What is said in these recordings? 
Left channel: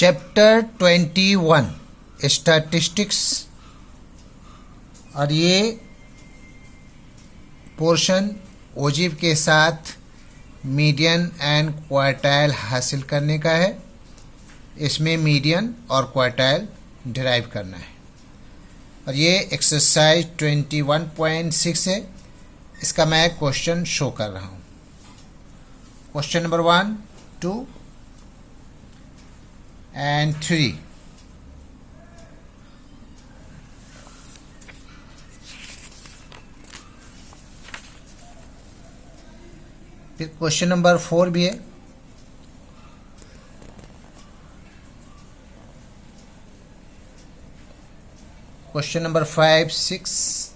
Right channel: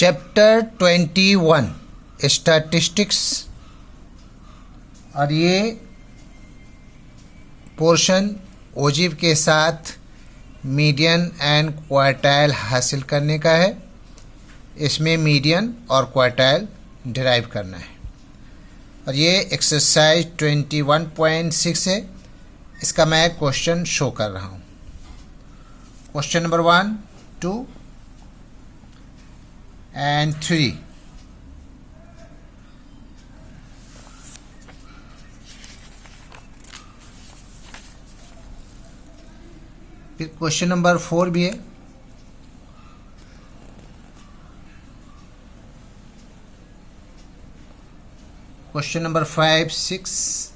Chapter 21 statistics, और ये portion ओजिव के साथ मीडियन एंड क्वार्टाइल हासिल करने का है। इसमें मीडियन और क्वार्टाइल डिराइव करना है, और ये एक्सरसाइज 21.6 है। इसका मैं क्वेश्चन शो कर रहा हूँ। Question number 1, 2 and 3. फिर क्वेश्चन नंबर 4 भी है। Question number 5, 6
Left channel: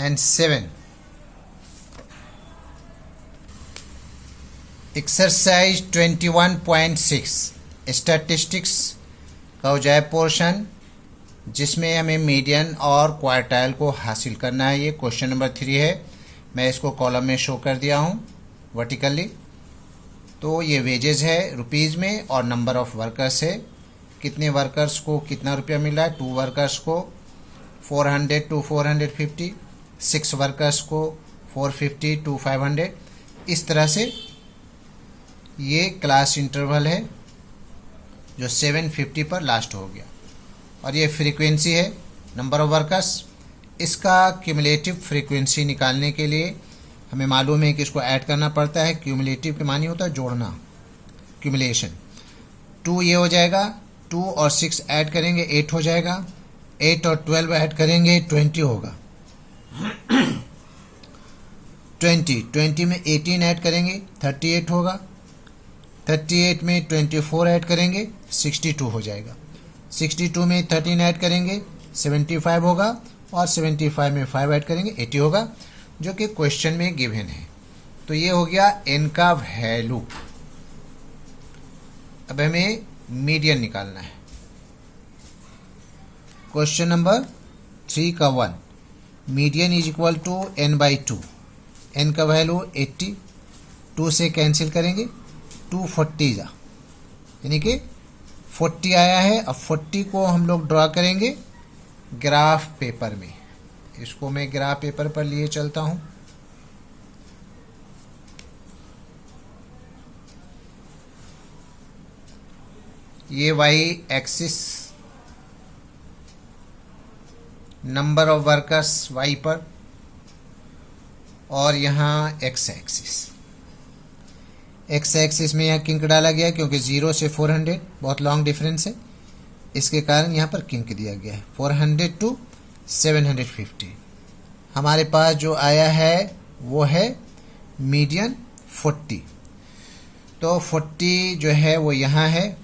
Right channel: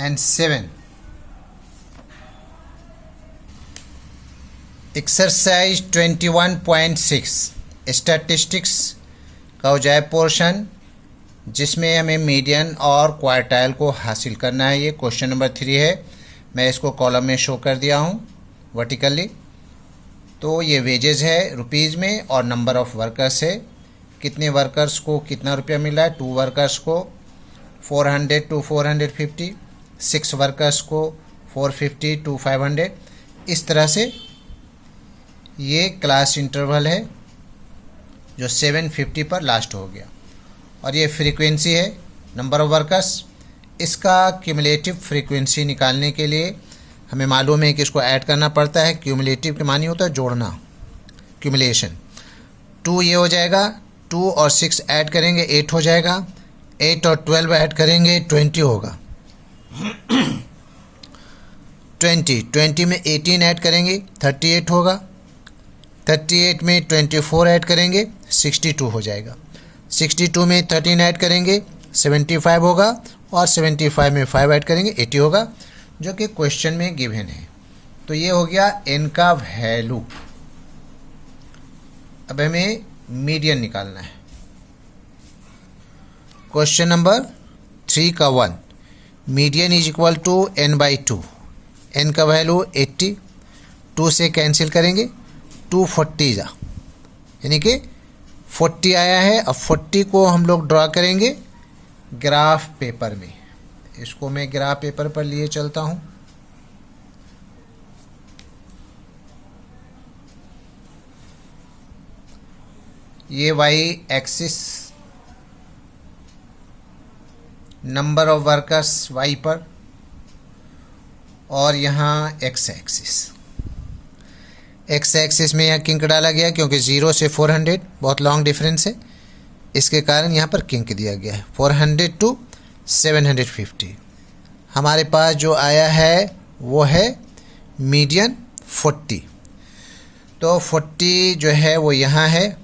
and 7. Exercise 21.6 statistics का औजाय पोर्शन, जिसमें हमें मीडियन और क्वार्टाइल को हासिल करना है। ये क्वेश्चन नंबर 3 है। मैं इसको कॉलम में शो कर दिया हूँ वर्टिकली। तो ये वेजेस है रुपीज़ में, और नंबर ऑफ वर्कर्स है, कितने वर्कर्स को कितना रुपया मिला है। 2 वर्कर्स को 400 to 450, 6 वर्कर्स को 450 to 500। इस तरह से ये क्लास इंटरवल है जो 750 पर लास्ट हो गया। और ये फ्रीक्वेंसी है, नंबर ऑफ वर्कर्स। इसका क्यूमुलेटिव फ्रीक्वेंसी निकालने के लिए हमें मालूम है कि इसको ऐड करना पड़ता है। क्यूमुलेटिव के मानी होता है जोड़ना, क्यूमुलेशन। 2 ये हो जाएगा, 2 और 6 ऐड करेंगे 8 हो जाएगा, 8 और 12 ऐड करेंगे 20 होगा। 20 में 18 ऐड करेंगे 38 होगा, 38 में 24 ऐड करेंगे 62 हो जाएगा, 62 में 13 ऐड करेंगे 75 होगा, और 75 में 5 ऐड करेंगे 80 होगा, जो कि क्वेश्चन में गिवन है। तो ये हो गया n का वैल्यू। अब हमें मीडियन निकालना है। क्वेश्चन नंबर 3 का 1, median is equal to n/2। n का वैल्यू 80, 2 से कैंसिल करेंगे, 240 जा, यानी कि 40 आया है। अब 40 को हम लोग ड्रॉ करेंगे ग्राफ पेपर में। इसको मैं ग्राफ पेपर पर लिए चलता हूं। ये Y axis, number of workers Y पर, और यहाँ एक्स एक्सिस। एक्स एक्सिस में यहाँ किंक डाला गया क्योंकि 0 से 400 बहुत लॉन्ग डिफरेंस है, इसके कारण यहाँ पर किंक दिया गया है। 400 to 750। हमारे पास जो आया है वो है मीडियन 40। तो 40 जो है वो यहाँ है।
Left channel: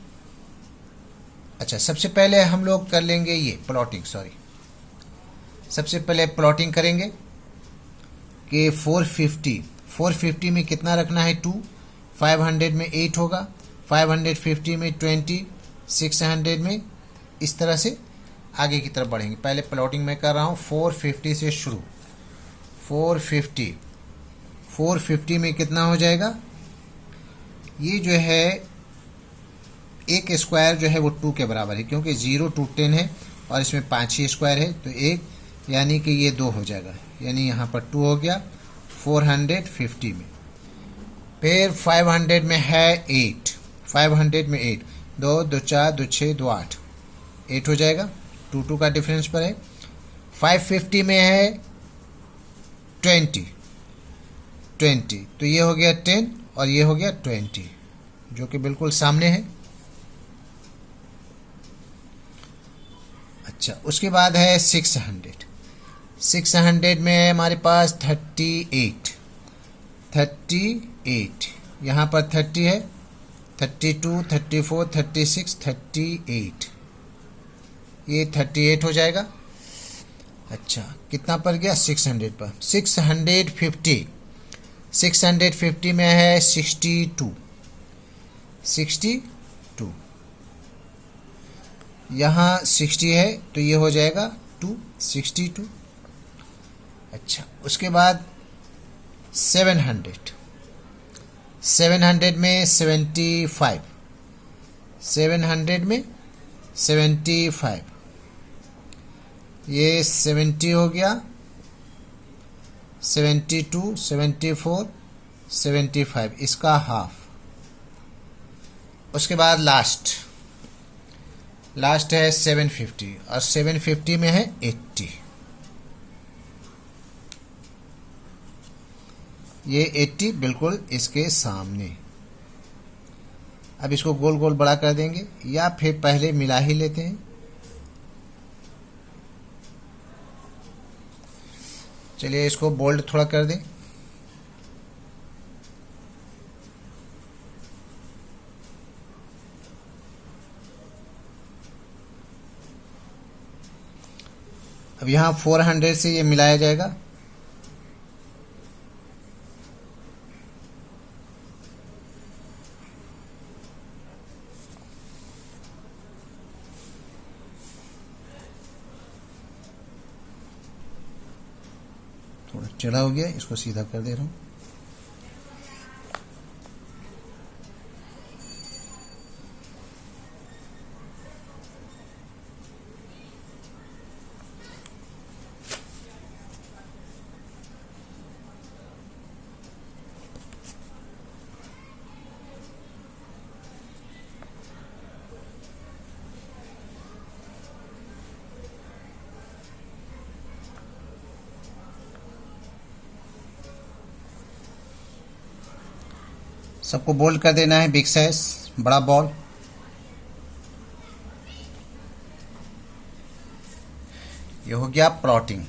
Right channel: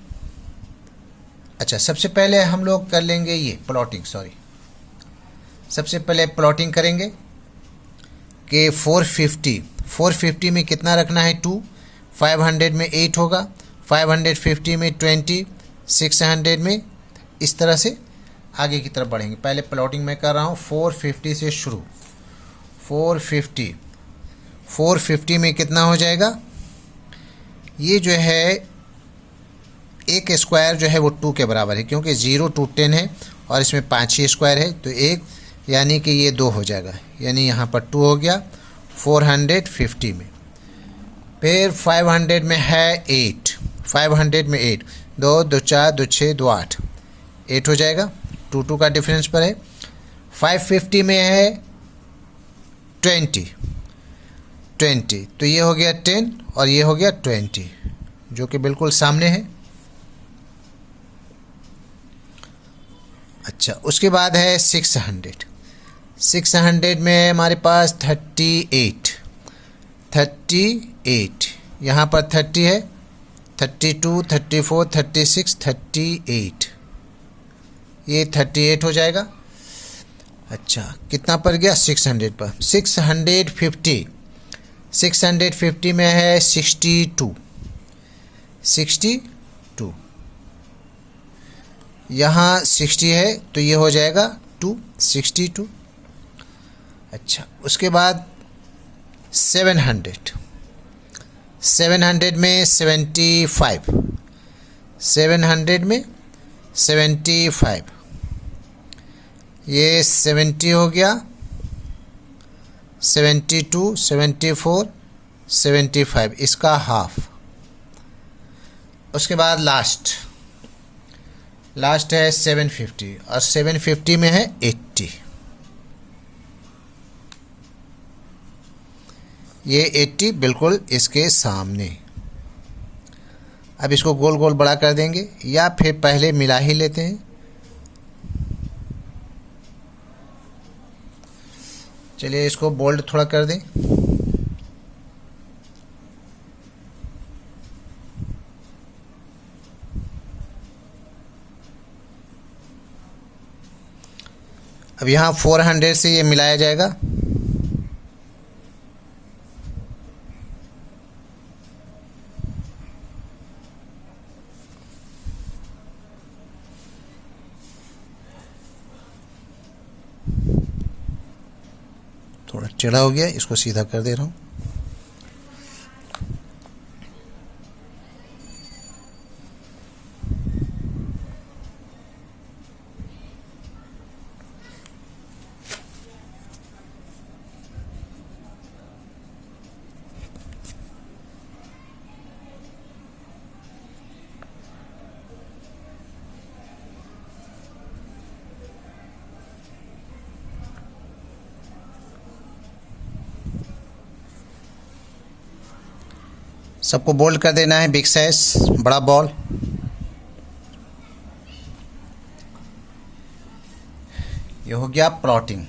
अच्छा, सबसे पहले हम लोग कर लेंगे ये प्लॉटिंग। सबसे पहले प्लॉटिंग करेंगे कि 450 में कितना रखना है 2, 500 में 8 होगा, 550 में 20, 600 में, इस तरह से आगे की तरफ बढ़ेंगे। पहले प्लॉटिंग मैं कर रहा हूँ 450 से शुरू। 450 में कितना हो जाएगा, ये जो है एक स्क्वायर जो है वो 2 के बराबर है, क्योंकि 0 to 10 है और इसमें 5 ही स्क्वायर है, तो 1 यानी कि ये 2 हो जाएगा, यानी यहाँ पर 2 हो गया 450 में। फिर 500 में है 8, 500 में 8, 2 2 4 2 6 2 8, 8 हो जाएगा, 2 का डिफरेंस पर है। 550 में है 20, तो ये हो गया 10 और ये हो गया 20, जो कि बिल्कुल सामने है। अच्छा, उसके बाद है 600 में हमारे पास 38, यहाँ पर 30 है, 32, 34, 36, 38, ये 38 हो जाएगा। अच्छा, कितना पर गया 600 पर। 650 में है 62, यहाँ 60 है तो ये हो जाएगा 262। अच्छा, उसके बाद 700, 700 में 75, 700 में 75, ये 70 हो गया, 72, 74, 75, इसका हाफ। उसके बाद लास्ट है 750 और 750 में है 80, ये 80 बिल्कुल इसके सामने। अब इसको गोल गोल बड़ा कर देंगे या फिर पहले मिला ही लेते हैं। चलिए इसको बोल्ड थोड़ा कर दें। अब यहाँ 400 से ये मिलाया जाएगा। थोड़ा टेढ़ा हो गया, इसको सीधा कर दे रहा हूँ। सबको बोल्ड कर देना है, बिग साइज, बड़ा बॉल। ये हो गया प्लॉटिंग।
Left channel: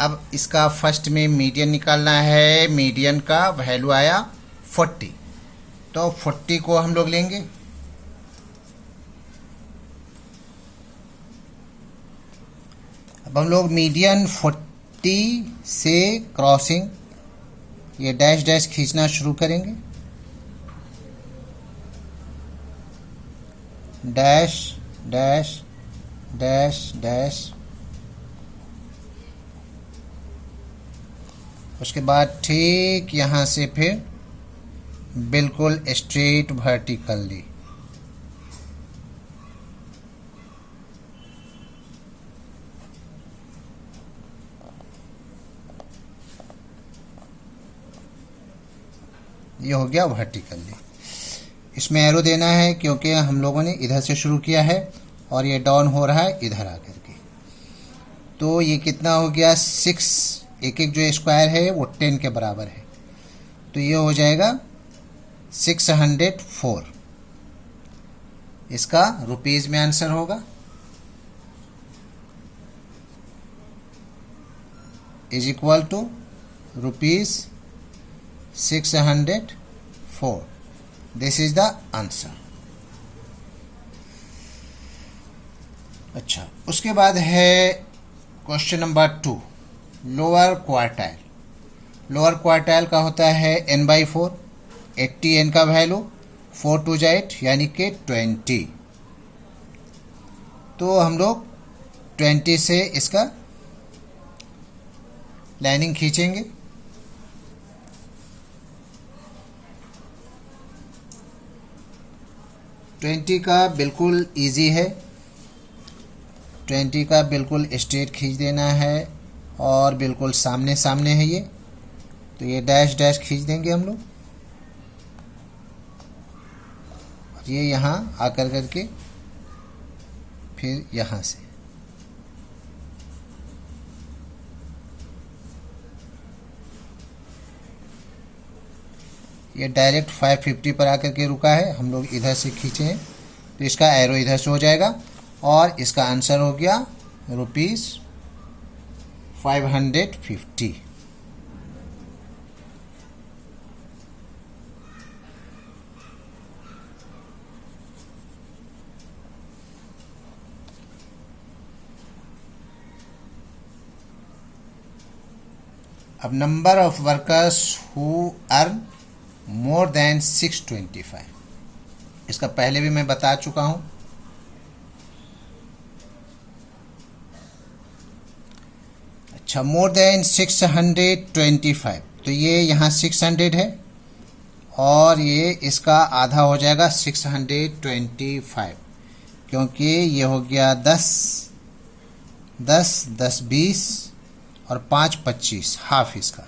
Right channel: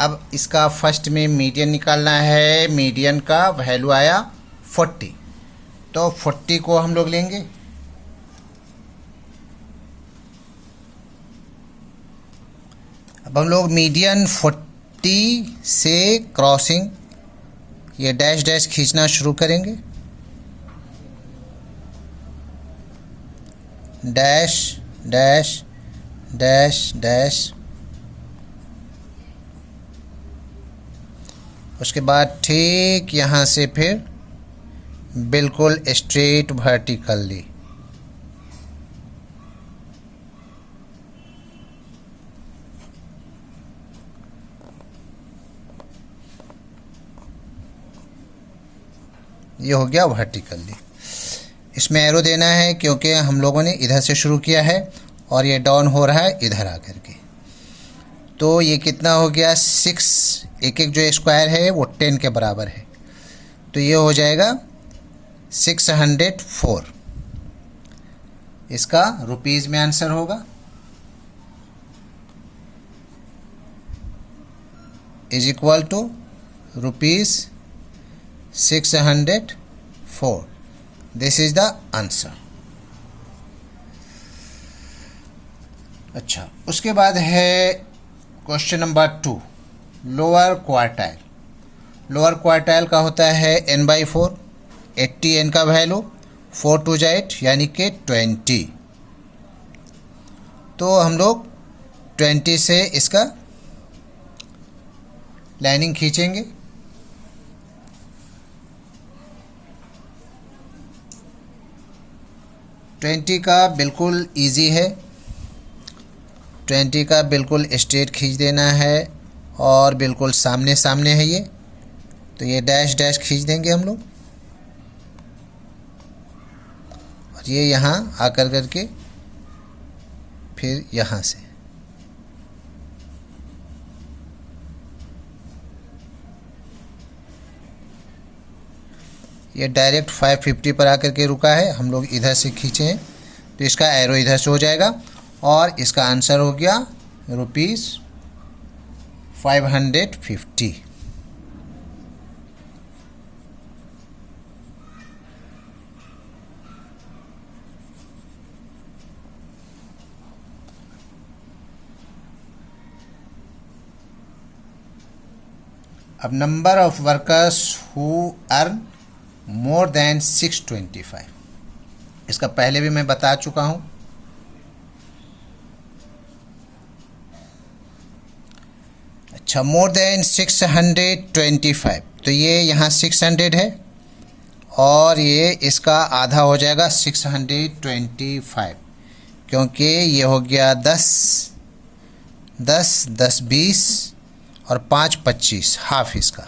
अब इसका फर्स्ट में मीडियन निकालना है। मीडियन का वैल्यू आया 40, तो 40 को हम लोग लेंगे। अब हम लोग मीडियन 40 से क्रॉसिंग ये डैश डैश खींचना शुरू करेंगे। डैश डैश डैश डैश, उसके बाद ठीक यहाँ से फिर बिल्कुल स्ट्रेट वर्टिकली। ये हो गया वर्टिकली। इसमें एरो देना है क्योंकि हम लोगों ने इधर से शुरू किया है और ये डाउन हो रहा है इधर आकर के। तो ये कितना हो गया 6, एक एक जो स्क्वायर है वो 10 के बराबर है, तो ये हो जाएगा 604। इसका रुपीज़ में आंसर होगा, is equal to rupees 604। This is the answer. अच्छा, उसके बाद है question number 2, lower quartile. Lower quartile का होता है n/4, 80 n का वैल्यू, 4 2 8 यानी कि 20। तो हम लोग 20 से इसका लाइनिंग खींचेंगे। ट्वेंटी का बिल्कुल इजी है, 20 का बिल्कुल स्ट्रेट खींच देना है और बिल्कुल सामने सामने है ये, तो ये डैश डैश खींच देंगे हम लोग और ये यहाँ आकर करके फिर यहाँ से ये डायरेक्ट 550 पर आकर के रुका है, हम लोग इधर से खींचे हैं तो इसका एरो इधर से हो जाएगा और इसका आंसर हो गया रुपीज़ 550। अब number of workers who earn more than 625, इसका पहले भी मैं बता चुका हूं। अच्छा, अच्छा, मोर देन 625, तो ये यहाँ 600 है और ये इसका आधा हो जाएगा 625, क्योंकि ये हो गया 10 10 10 20 और 5 25, हाफ इसका।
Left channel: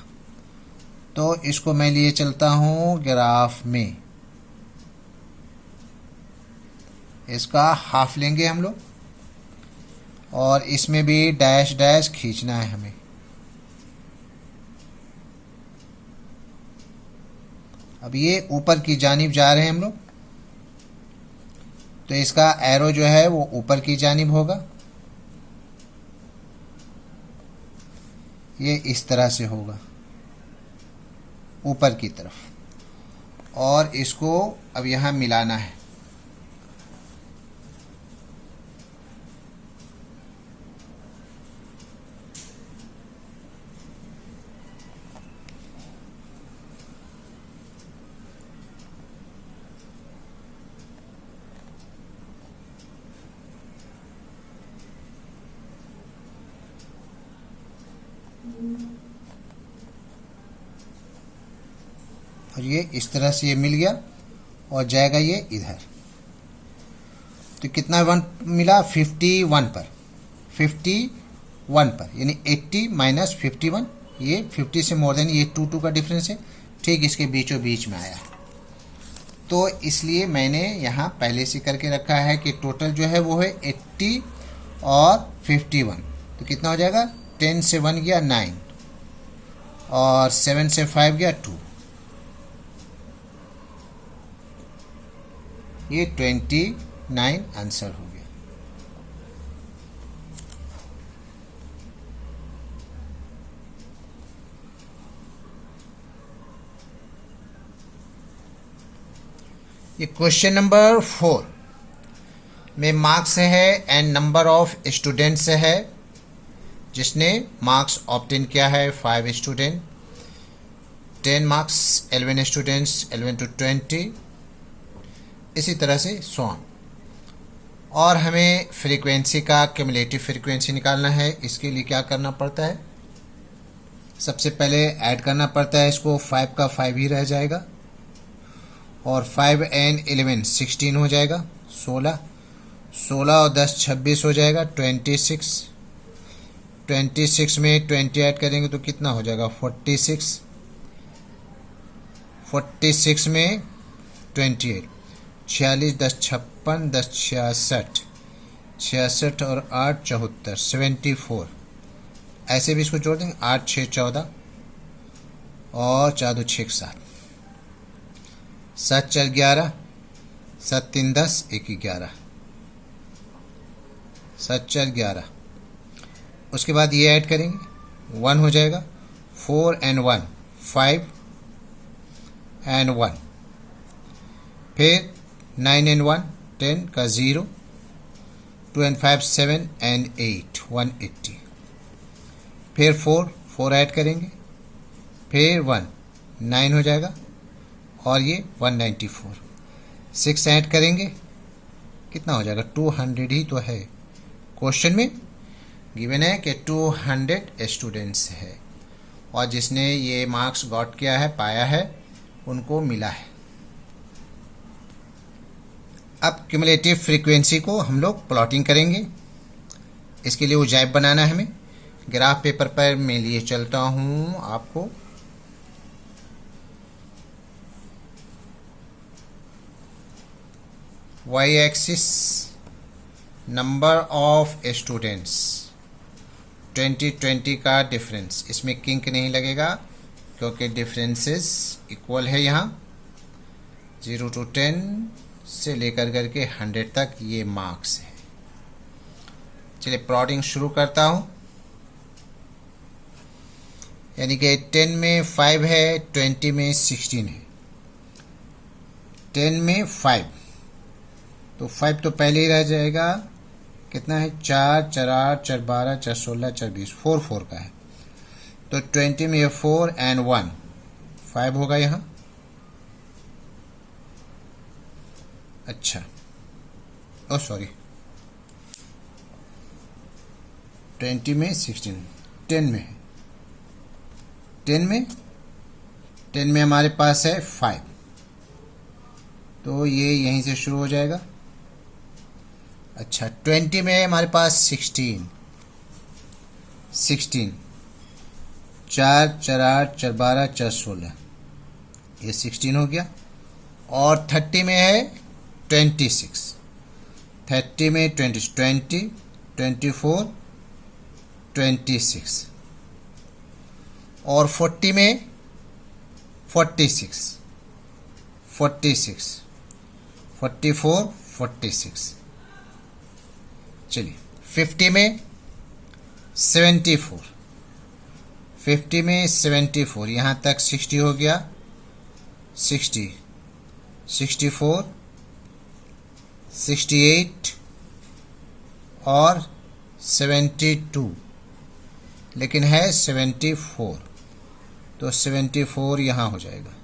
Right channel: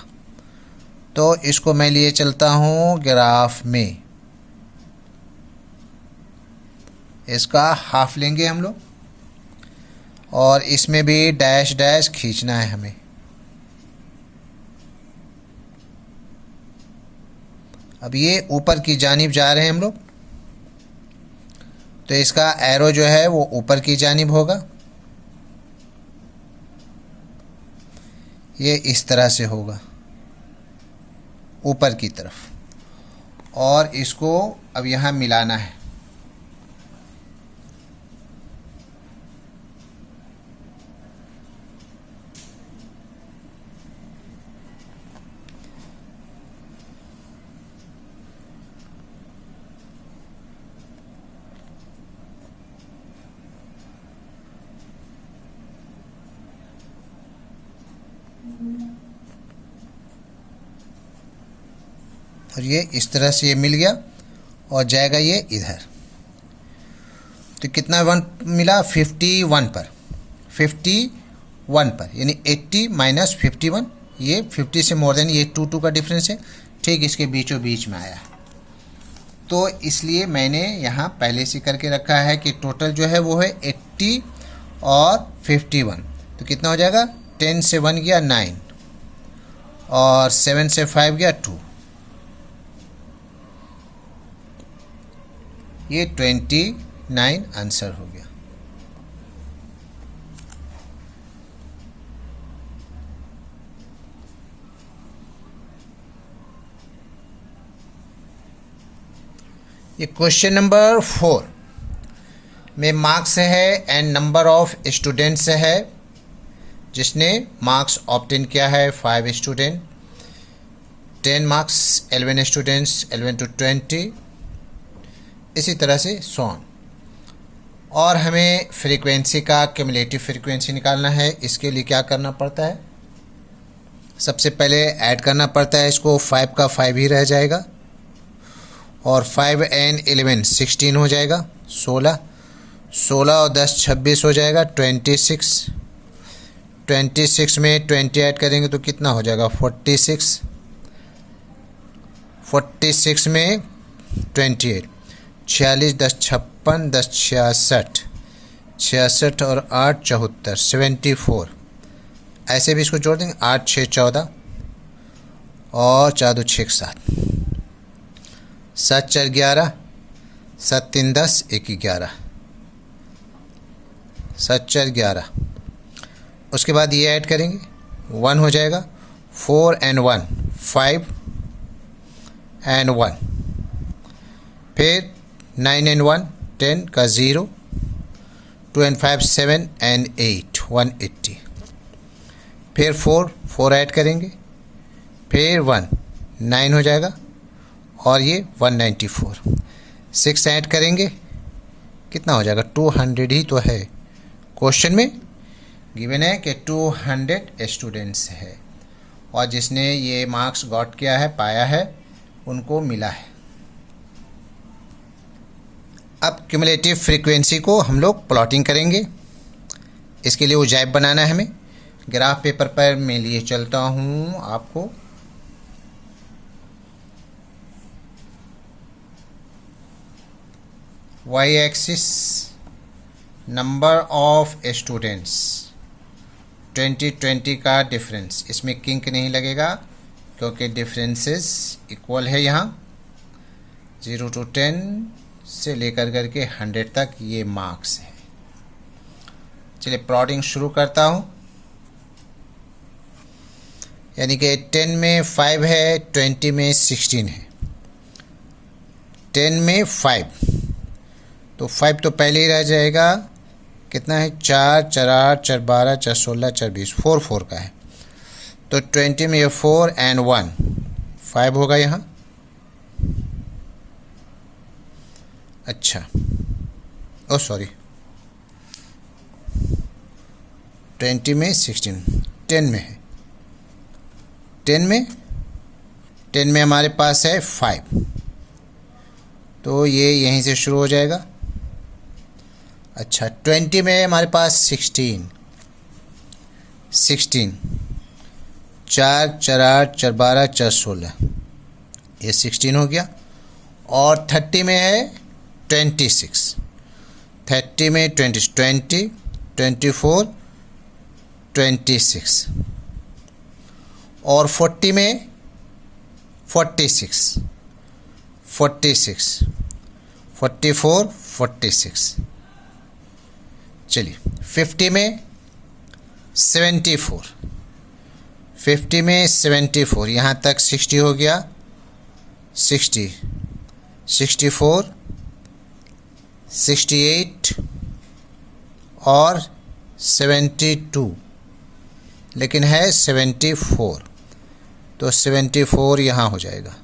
तो इसको मैं लिए चलता हूँ ग्राफ में, इसका हाफ लेंगे हम लोग और इसमें भी डैश डैश खींचना है हमें। अब ये ऊपर की जानिब जा रहे हैं हम लोग, तो इसका एरो जो है वो ऊपर की जानिब होगा, ये इस तरह से होगा ऊपर की तरफ, और इसको अब यहाँ मिलाना है। और ये इस तरह से ये मिल गया और जाएगा ये इधर। तो कितना 1 मिला? 51 पर, 51 पर, यानी 80 माइनस 51, ये 50 से मोर देन, ये 2 का डिफरेंस है, ठीक इसके बीचों बीच में आया। तो इसलिए मैंने यहाँ पहले से करके रखा है कि टोटल जो है वो है 80 और 51। तो कितना हो जाएगा? 10 से 1 गया 9 और 7 से 5 गया 2, ये 29 आंसर हो गया। ये क्वेश्चन नंबर 4 में मार्क्स है एंड नंबर ऑफ स्टूडेंट्स है, जिसने मार्क्स ऑब्टेन किया है 5 स्टूडेंट, 10 मार्क्स 11 स्टूडेंट्स, 11 to 20, इसी तरह से सॉन। और हमें फ्रीक्वेंसी का क्यूमुलेटिव फ्रीक्वेंसी निकालना है। इसके लिए क्या करना पड़ता है? सबसे पहले ऐड करना पड़ता है इसको, 5 का 5 ही रह जाएगा और 5 and 11 16 हो जाएगा, 16 और 10 26 हो जाएगा, 26 में 20 ऐड करेंगे तो कितना हो जाएगा? 46 में 28, 46 10 56 10 66 और 8 74, 74। ऐसे भी इसको जोड़ देंगे, 8 6 14 और 4 2 6 7, 7 4 11, 7 3 10, 1 11, 7 4 11। उसके बाद ये ऐड करेंगे, 1 हो जाएगा, 4 and 1 5 and 1, फिर 9 and 1 10 का 0, 2 and 5 7 and 8 180, फिर 4 ऐड करेंगे, फिर 1 9 हो जाएगा और ये 194, 6 ऐड करेंगे, कितना हो जाएगा? 200 ही तो है। क्वेश्चन में गिवन है कि 200 स्टूडेंट्स है और जिसने ये मार्क्स गॉट किया है, पाया है, उनको मिला है। अब क्यूमुलेटिव फ्रीक्वेंसी को हम लोग प्लॉटिंग करेंगे। इसके लिए उजाइब बनाना है हमें। ग्राफ पेपर पर मैं लिए चलता हूँ आपको। Y axis number of students, 2020 का डिफरेंस, इसमें किंक नहीं लगेगा क्योंकि डिफरेंसेस इक्वल है। यहाँ 0 to 10 से लेकर करके 100 तक ये मार्क्स है। चलिए प्लॉटिंग शुरू करता हूँ। यानी कि 10 में 5 है, 20 में 16 है। 10 में 5 तो 5 तो पहले ही रह जाएगा, कितना है? 4 4 8 4 12 4 16 4 20, 4 का है। तो 20 में ये 4 and 1 5 होगा यहाँ। अच्छा, ओ सॉरी, 20 में 16 10 में है, 10 में हमारे पास है 5, तो ये यहीं से शुरू हो जाएगा। अच्छा, 20 में हमारे पास 16, 4 4 8 4 12 4 16, ये 16 हो गया। और 30 में है 26, 30 में 20 20 24 26। और 40 में 46 46 44 46। चलिए, 50 में 74, 50 में 74, यहाँ तक 60 हो गया। 60 64 68 और 72, लेकिन है 74, तो 74 यहाँ हो जाएगा।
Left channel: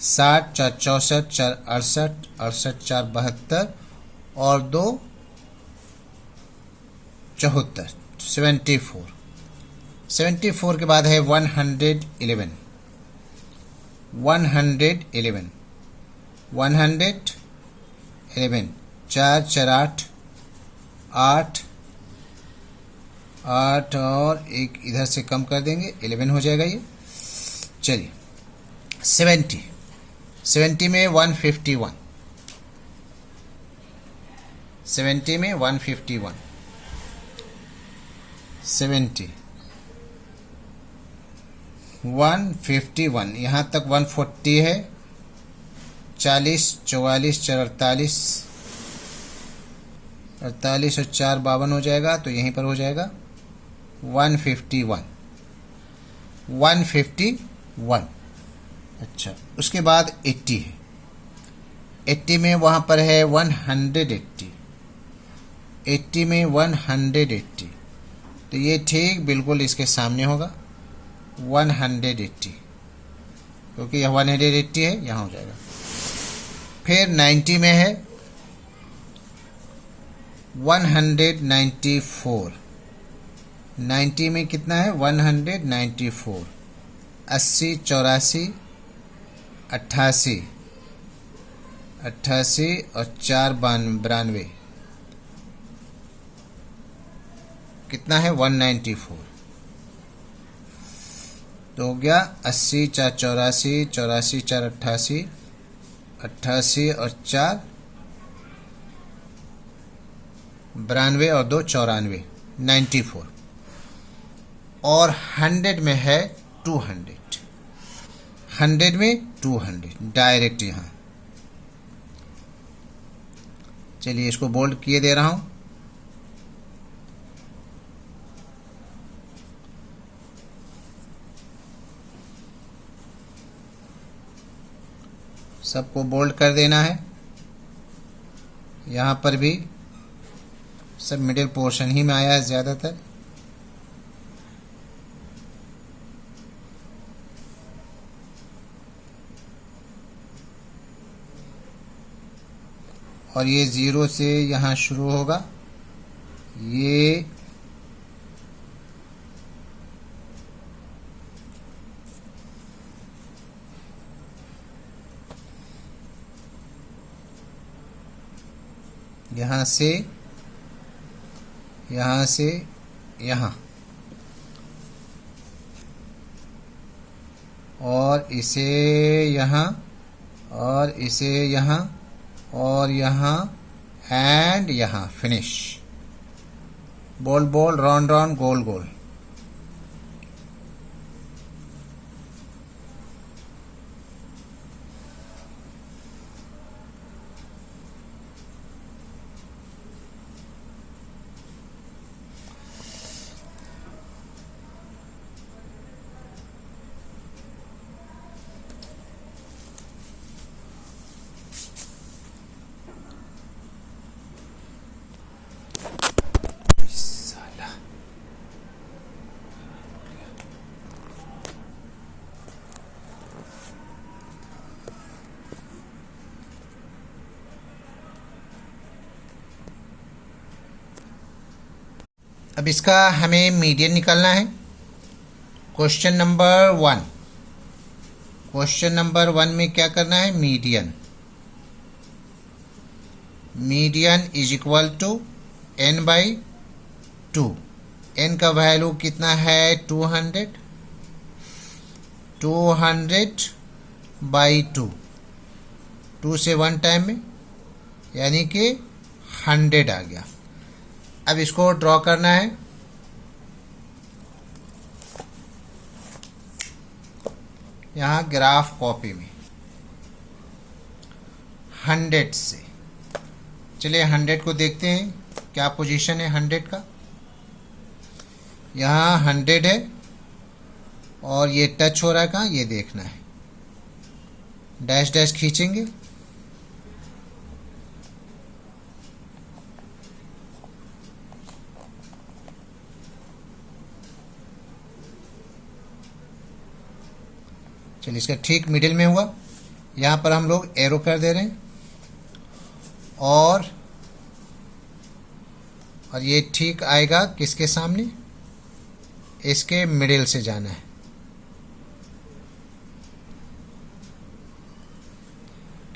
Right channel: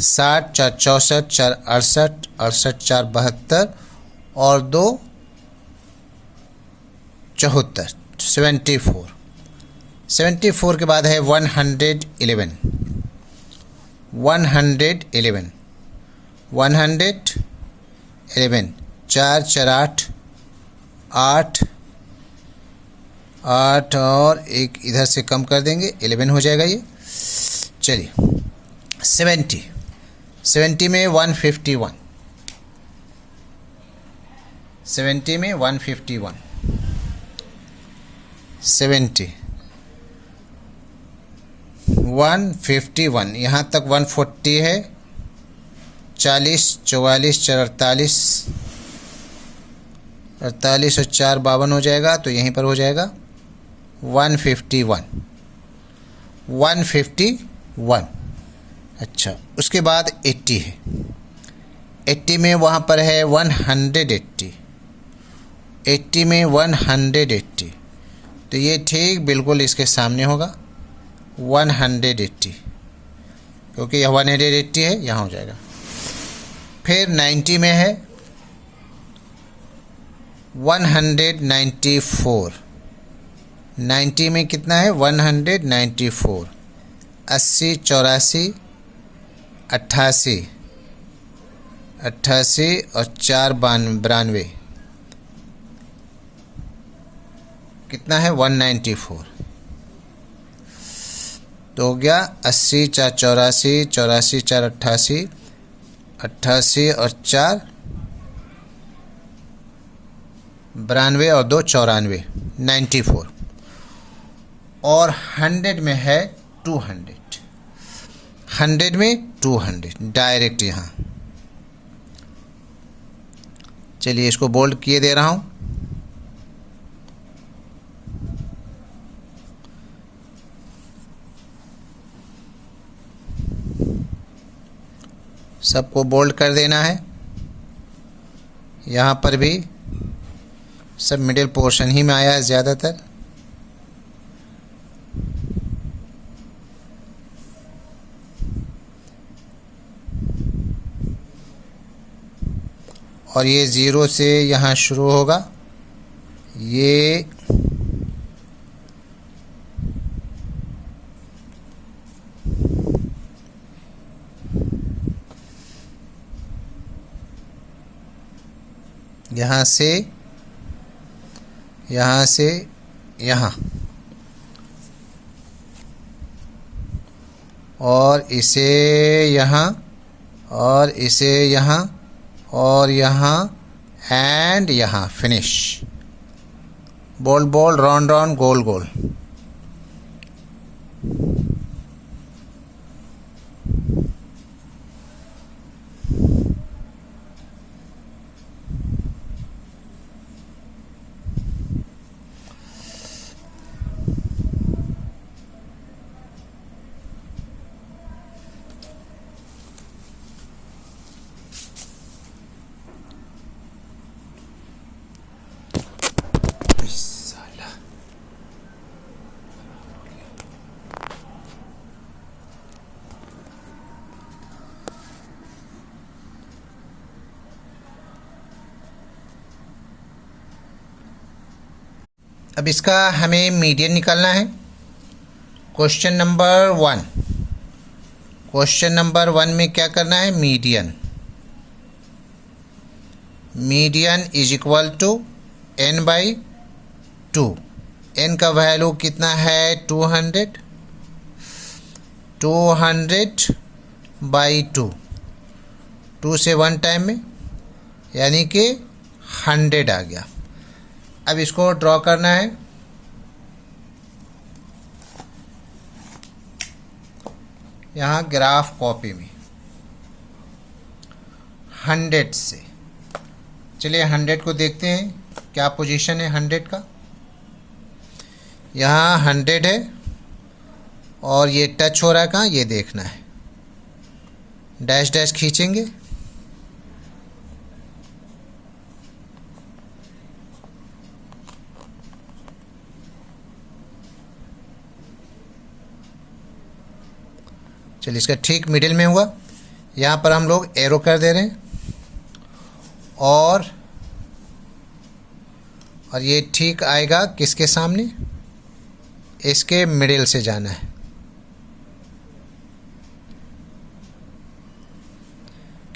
60 4 64 4 68 68 4 72 और 2 74, 74। 74 के बाद है 111, 111 111, 4 4 8 8 8 और एक इधर से कम कर देंगे, 11 हो जाएगा ये। चलिए, 70, 70 में 151, 70 में 151, 70 151, यहाँ तक 140 है। 40 44 4 48, 48 और 4 52 हो जाएगा, तो यहीं पर हो जाएगा 151, 151। अच्छा, उसके बाद 80 है। 80 में वहाँ पर है 180, 80 में 180, तो ये ठीक बिल्कुल इसके सामने होगा 180, क्योंकि यह 180 है, यहाँ हो जाएगा। फिर 90 में है 194, 90 में कितना है 194, 80 84 88, 88 और 4 92, कितना है 194, तो हो गया 80 4 84 84 4 88, 88 और 4 92 और 2 94, 94। और 100 में है 200, 100 में 200 डायरेक्ट यहाँ। चलिए, इसको बोल्ड किए दे रहा हूँ। सबको बोल्ड कर देना है। यहाँ पर भी सब मिडिल पोर्शन ही में आया है ज़्यादातर। और ये 0 से यहाँ शुरू होगा, ये यहाँ से यहाँ, और इसे यहाँ, और इसे यहाँ, और यहाँ एंड यहाँ finish. Ball ball, round round, गोल गोल। अब इसका हमें मीडियन निकालना है। क्वेश्चन नंबर 1, क्वेश्चन नंबर 1 में क्या करना है, median. Median is equal to n by 2। n का वैल्यू कितना है, 200। 200 बाई 2, 2 से 1 टाइम में, यानी कि 100 आ गया। अब इसको ड्रॉ करना है। यहाँ ग्राफ कॉपी में 100 से, चलिए 100 को देखते हैं क्या पोजीशन है 100 का। यहाँ 100 है और ये टच हो रहा है कहाँ, ये देखना है। डैश डैश खींचेंगे, चलिए इसका ठीक मिडिल में हुआ। यहाँ पर हम लोग एरो कर दे रहे हैं और ये ठीक आएगा किसके सामने, इसके मिडिल से जाना है।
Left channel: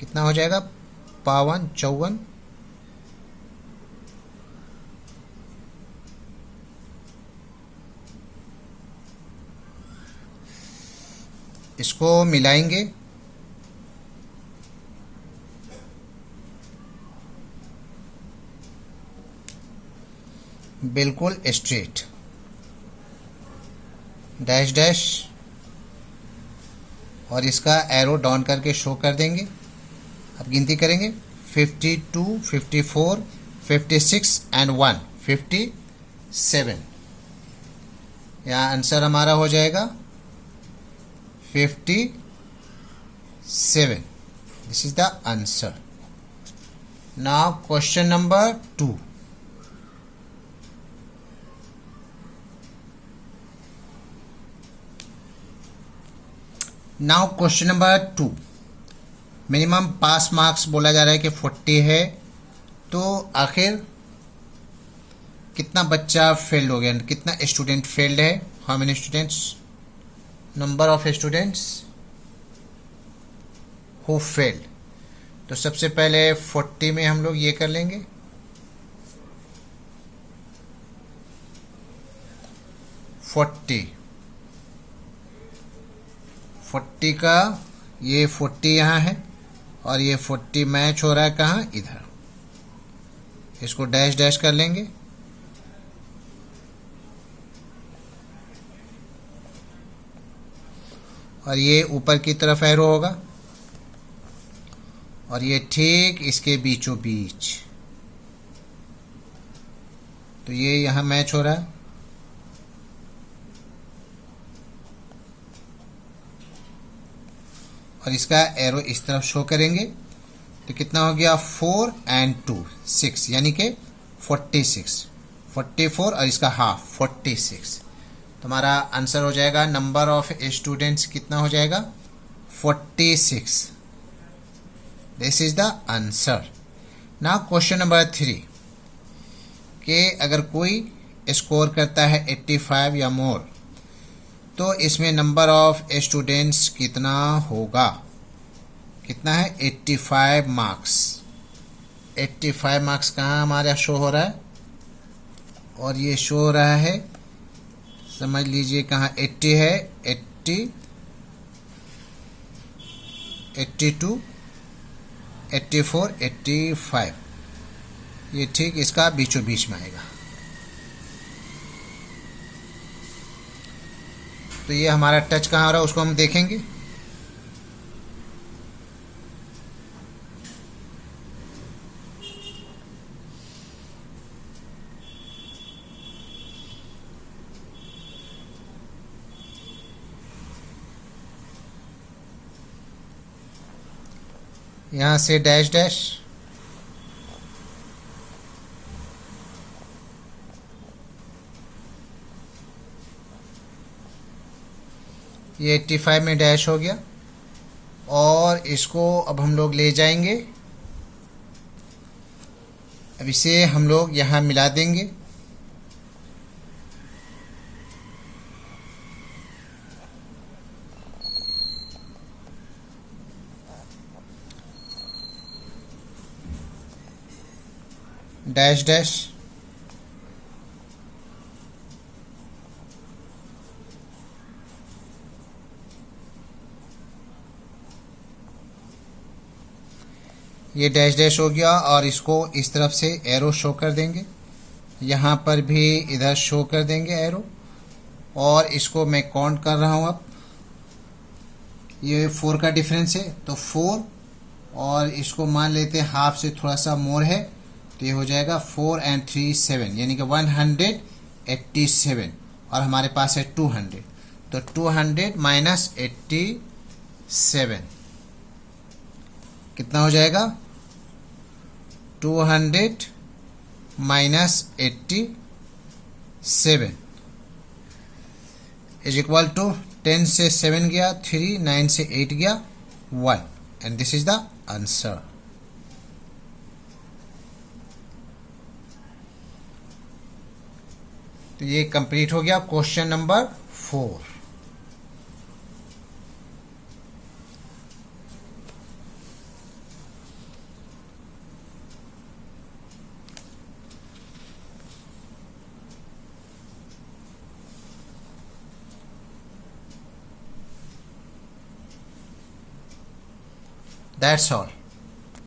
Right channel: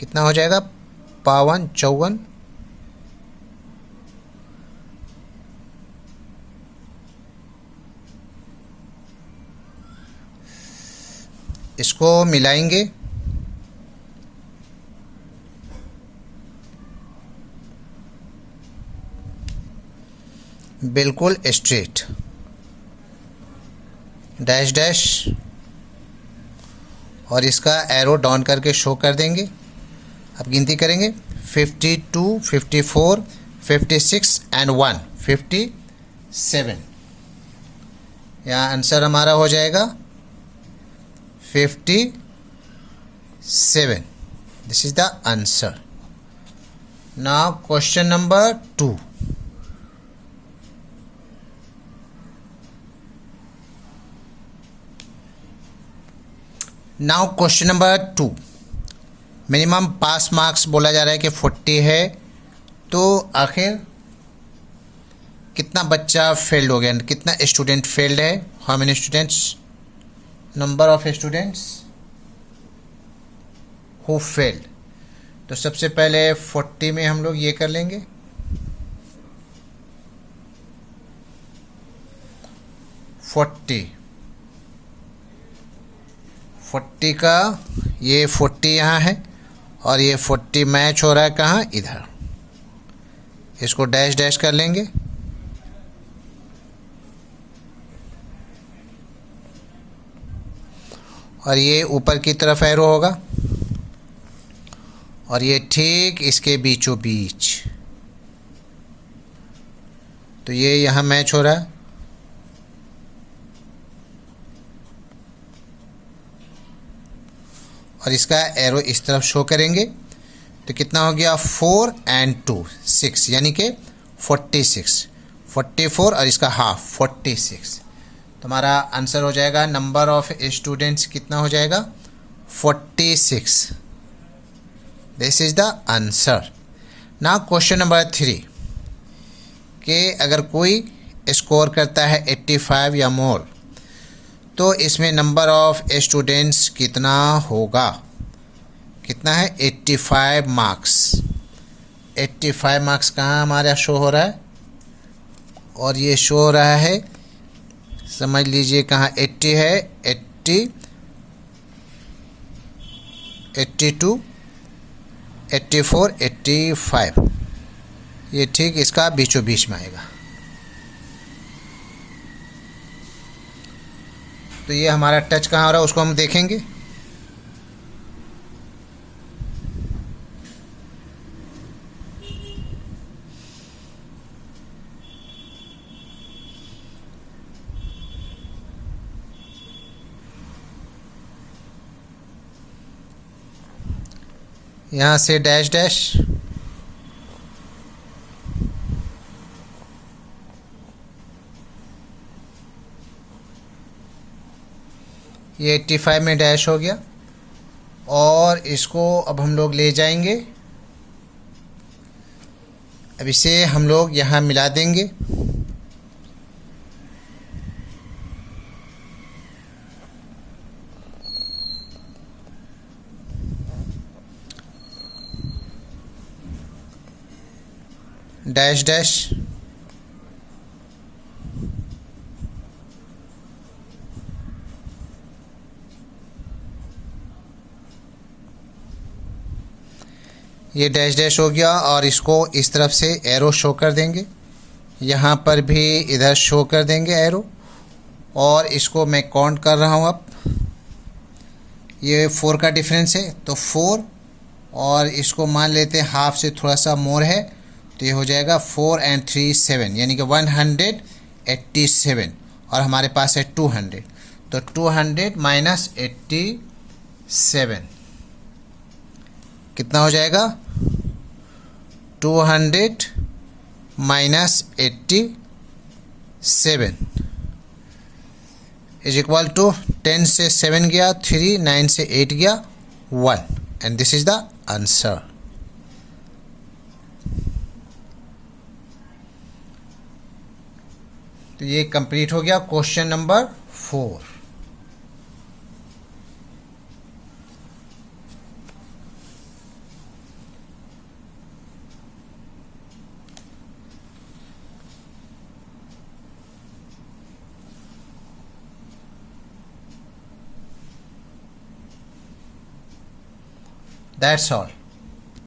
कितना हो जाएगा, 52, 54। इसको मिलाएंगे, बिल्कुल स्ट्रेट, डैश डैश, और इसका एरो डाउन करके शो कर देंगे। अब गिनती करेंगे, 52, 54, 56 एंड 1, 57। यहाँ आंसर हमारा हो जाएगा 57। This is the answer. Now question number 2। Now question number 2, minimum pass marks बोला जा रहा है कि 40 है, तो आखिर कितना बच्चा फेल्ड हो गया, कितना स्टूडेंट फेल्ड है, how many students, number of students who failed. तो सबसे पहले 40 में हम लोग ये कर लेंगे, 40 का ये 40 यहाँ है और ये 40 मैच हो रहा है कहाँ, इधर। इसको डैश डैश कर लेंगे, और ये ऊपर की तरफ एरो होगा और ये ठीक इसके बीचों बीच, तो ये यहाँ मैच हो रहा है। और इसका एरो इस तरफ शो करेंगे, तो कितना हो गया, 4 एंड 2, 6, यानी कि 46, 44 और इसका हाफ 46। तो हमारा आंसर हो जाएगा, नंबर ऑफ स्टूडेंट्स कितना हो जाएगा, 46। This is the answer. Now question number 3 कि अगर कोई स्कोर करता है 85 या मोर, तो इसमें नंबर ऑफ स्टूडेंट्स कितना होगा। कितना है, 85 मार्क्स। 85 मार्क्स कहाँ हमारा शो हो रहा है, और ये शो हो रहा है, समझ लीजिए कहाँ 80 है, 80, 82, 84, 85, ये ठीक इसका बीचों बीच में आएगा। तो ये हमारा टच कहाँ हो रहा है उसको हम देखेंगे। यहाँ से डैश डैश, ये 85 में डैश हो गया, और इसको अब हम लोग ले जाएंगे। अब इसे हम लोग यहाँ मिला देंगे, डैश डैश ये डैश डैश हो गया और इसको इस तरफ से एरो शो कर देंगे, यहाँ पर भी इधर शो कर देंगे एरो, और इसको मैं काउंट कर रहा हूँ। अब ये 4 का डिफरेंस है तो 4, और इसको मान लेते हैं हाफ से थोड़ा सा मोर है तो ये हो जाएगा 4 and 3 7, यानी कि 187, और हमारे पास है 200, तो 200 माइनस 87 कितना हो जाएगा? 200 माइनस 87 इज इक्वल टू 10 से 7 गया 3, 9 से 8 गया 1, and this is the answer. तो ये कंप्लीट हो गया क्वेश्चन नंबर 4। That's all.